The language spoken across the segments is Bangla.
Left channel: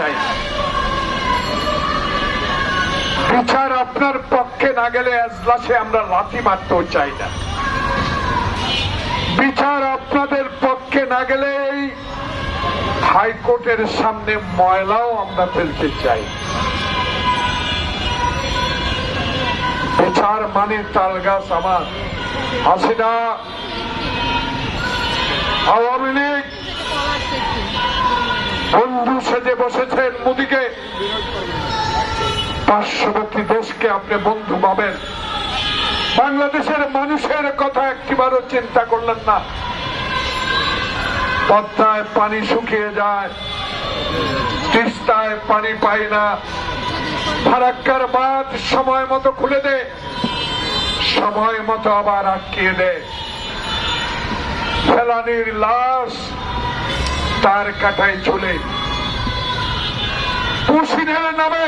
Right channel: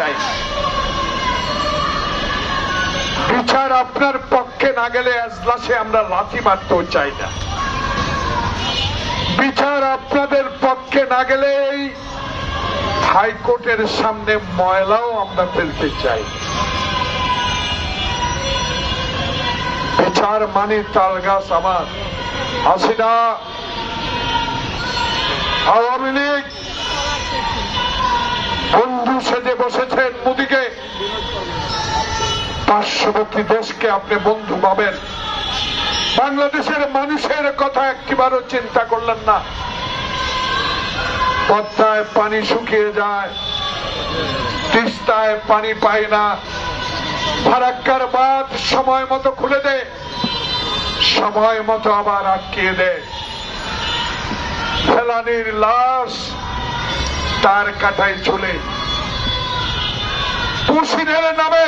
চাই। বিচার আপনার পক্ষে না গেলে এজলাসে আমরা লাথি মারতেও চাই না। বিচার আপনাদের পক্ষে না গেলে হাইকোর্টের সামনে ময়লাও আমরা ফেলতে চাই। বিচার মানে তাল গাছ আমার। হাসিনা, আওয়ামী লীগ বন্ধু সেজে বসেছেন মোদিকে। পার্শ্ববর্তী দেশকে আপনি বন্ধু পাবেন, বাংলাদেশের মানুষের কথা একটিবারও চিন্তা করলেন না। পদ্মায় পানি শুকিয়ে যায়, তিস্তায় পানি পায় না, ফারাক্কার বাঁধ সময় মতো খুলে দেয়, সময় মতো আবার আটকিয়ে দেয়। ফেলানির লাশ তার কাটায় চলে পুশিনের নামে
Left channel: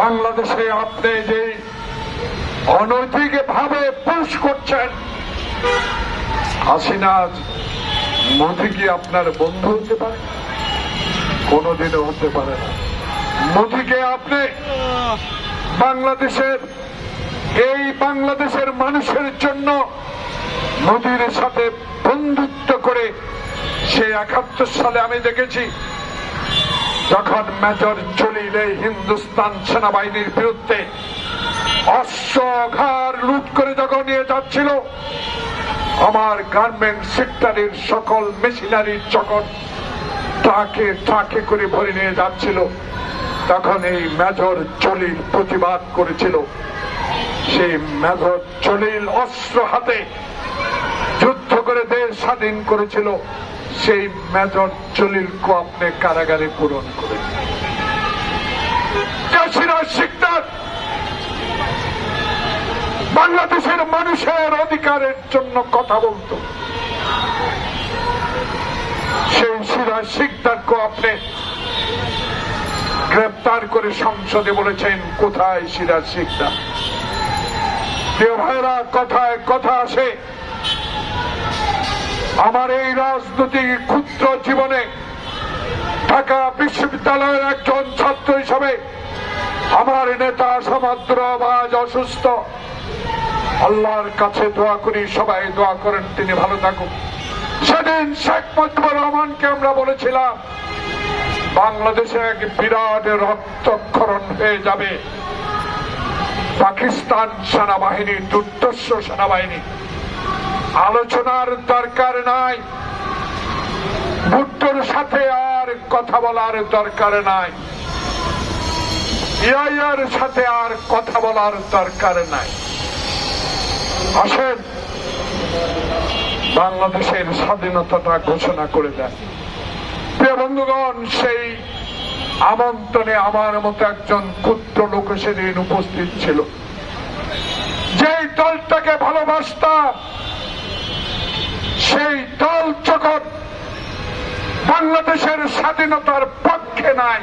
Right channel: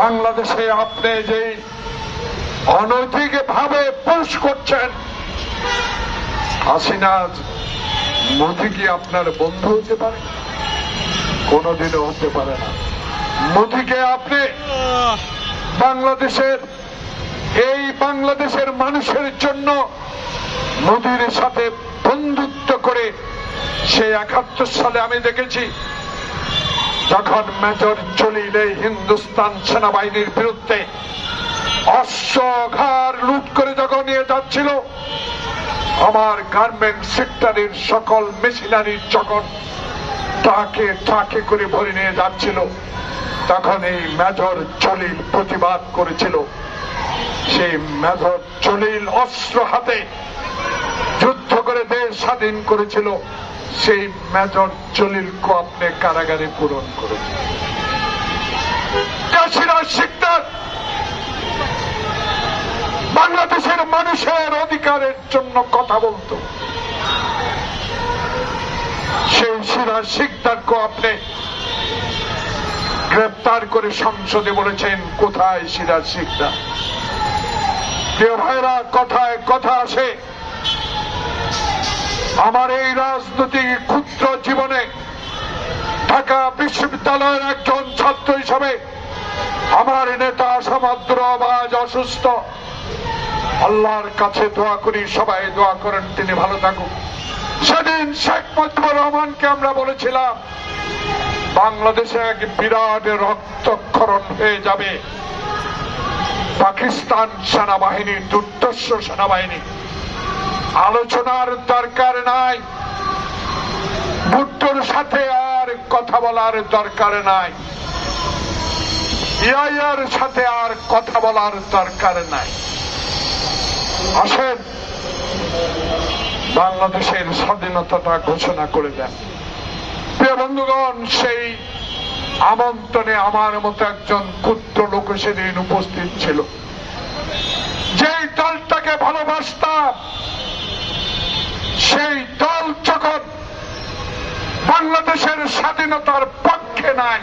বাংলাদেশে আপনি যে অনৈতিক ভাবে পুশ করছেন। হাসিনা, মোদি কি আপনার বন্ধু হতে পারে? কোনদিনও হতে পারে না। মোদিকে আপনি বাংলাদেশের মানুষের জন্য মোদির সাথে বন্ধুত্ব করে সে 71 সালে আমি দেখেছি যখন মেজর জলিল হিন্দুস্তান সেনাবাহিনীর বিরুদ্ধে অস্ত্র লুট করে যখন নিয়ে যাচ্ছিল, আমার গার্মেন্ট সেক্টরের সকল মেশিনারির যখন ট্রাকে করে ভরে নিয়ে যাচ্ছিল, তখন এই মেজর জলিল প্রতিবাদ করেছিল। সেই মেজর জলিল অস্ত্র হাতে যুদ্ধ করে দেশ স্বাধীন করেছিল। সেই মেজর জলিলকে আপনি কারাগারে পূরণ করেছেন। বাংলাদেশের মানুষের অধিকারের জন্য কথা বলতো, সেই সিরাজ শিকদারকে আপনি গ্রেপ্তার করে সংসদে বলেছেন কোথায় সিরাজ শিকদার? প্রিয় ভাইরা, কথায় কথা আসে। আমার এই রাজনৈতিক ক্ষুদ্র জীবনে ঢাকা বিশ্ববিদ্যালয়ের একজন ছাত্র হিসাবে আমার নেতা সমুদ্র আজ অসুস্থ। আল্লাহর কাছে দোয়া করি, সবাই দোয়া করেন তিনি ভালো থাকুন। সেদিন শেখ মুজিবুর রহমানকে আমরা বলেছিলাম বাংলাদেশে এক বিরাট রক্তক্ষরণ হয়ে যাবে। পাকিস্তান সেনাবাহিনী দুর্ধর্ষ সেনাবাহিনী, আলোচনার দরকার নাই, ভুট্টোর সাথে আর কথা বলার দরকার নাই, ইয়ার সাথে আর কথা বলার দরকার নাই। আসেন বাংলাদেশের স্বাধীনতাটা ঘোষণা করে দেন। প্রিয় বন্ধুগণ, সেই আমন্ত্রণে আমার মতো একজন ক্ষুদ্র লোক সেদিন উপস্থিত ছিল। যেই দলটাকে ভালোবাসতাম সেই দল যখন বাংলাদেশের স্বাধীনতার পক্ষে নাই,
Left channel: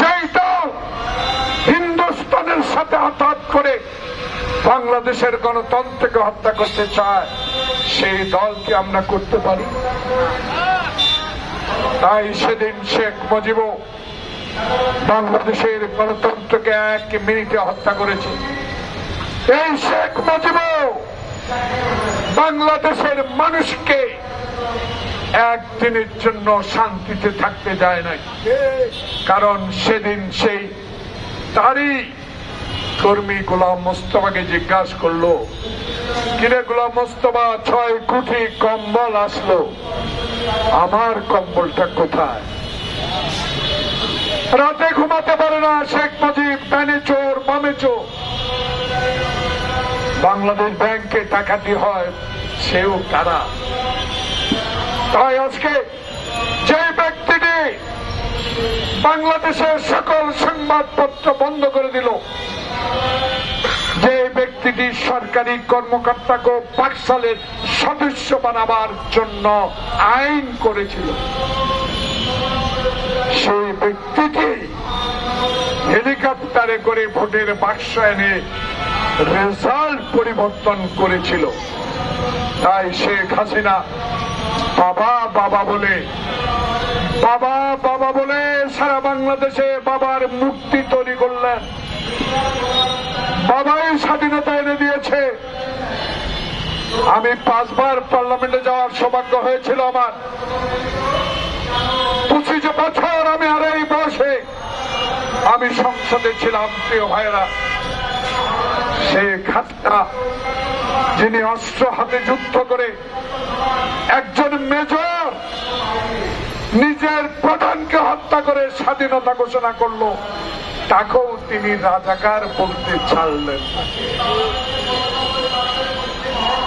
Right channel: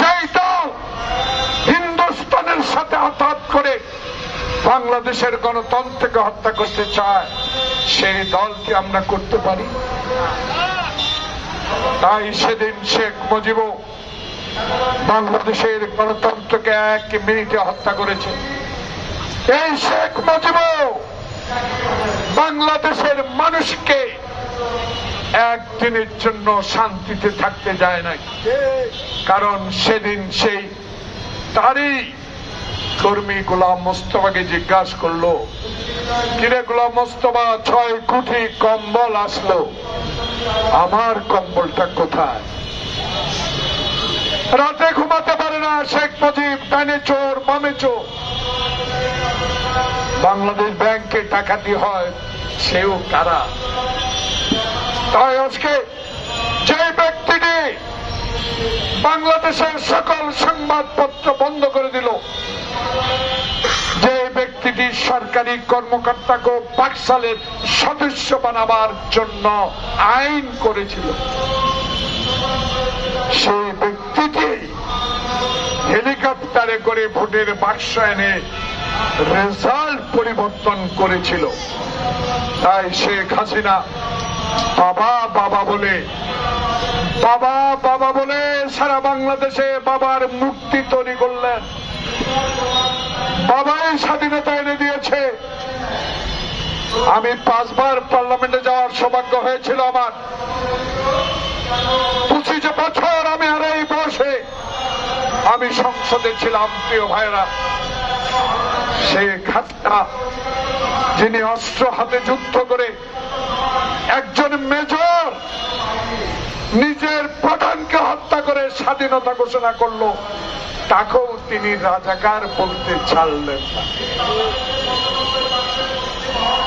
যেই দল হিন্দুস্তানের সাথে আঘাত করে বাংলাদেশের গণতন্ত্রকে হত্যা করতে চায়, সেই দলকে আমরা করতে পারি? তাই সেদিন শেখ মুজিব বাংলাদেশের গণতন্ত্রকে 1 মিনিটে হত্যা করেছে। এই শেখ মুজিব বাংলাদেশের মানুষকে একদিনের জন্য শান্তিতে থাকতে দেয় নাই। কারণ সেদিন সেই তারই কর্মী গোলাম মোস্তফাকে জিজ্ঞাসা করলো, কিরে গোলাম মোস্তফা, 6 কোটি কম্বল আসলো, আমার কম্বলটা কোথায়? রাতে ঘুমাতে পারে না শেখ মুজিব, ডানে চোর বামে চোর। বাংলাদেশ ব্যাংকে ডাকাতি হয়, সেও তারা। তাই আজকে যে ব্যক্তিটি বাংলাদেশের সকল সংবাদপত্র বন্ধ করে দিল, যে ব্যক্তিটি সরকারি কর্মকর্তাকে বাকশালের সদস্য বানাবার জন্য আইন করেছিল, সেই ব্যক্তিটি হেলিকপ্টারে করে ভোটের বাক্স এনে রেজাল্ট পরিবর্তন করেছিল। তাই শেখ হাসিনা বাবা বাবা বলে বাবা বাবা বলে সারা বাংলাদেশে বাবার মূর্তি তৈরি করলেন। বাবাই স্বাধীনতা এনে দিয়েছে। আমি 5 বার পার্লামেন্টে যাওয়ার সৌভাগ্য হয়েছিল আমার। 25 বছর আমি আর এই বয়সে আমি সংসদে ছিলাম। প্রিয় ভাইরা, শেখ হাসিনা যিনি অস্ত্র হাতে যুদ্ধ করে একজন মেজর নিজের প্রধানকে হত্যা করে স্বাধীনতা ঘোষণা করলো, তাকেও তিনি রাজাকার বলতে ছাড়লেন না।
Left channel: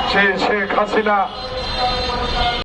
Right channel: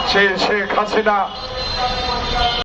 সে শেখ হাসিনা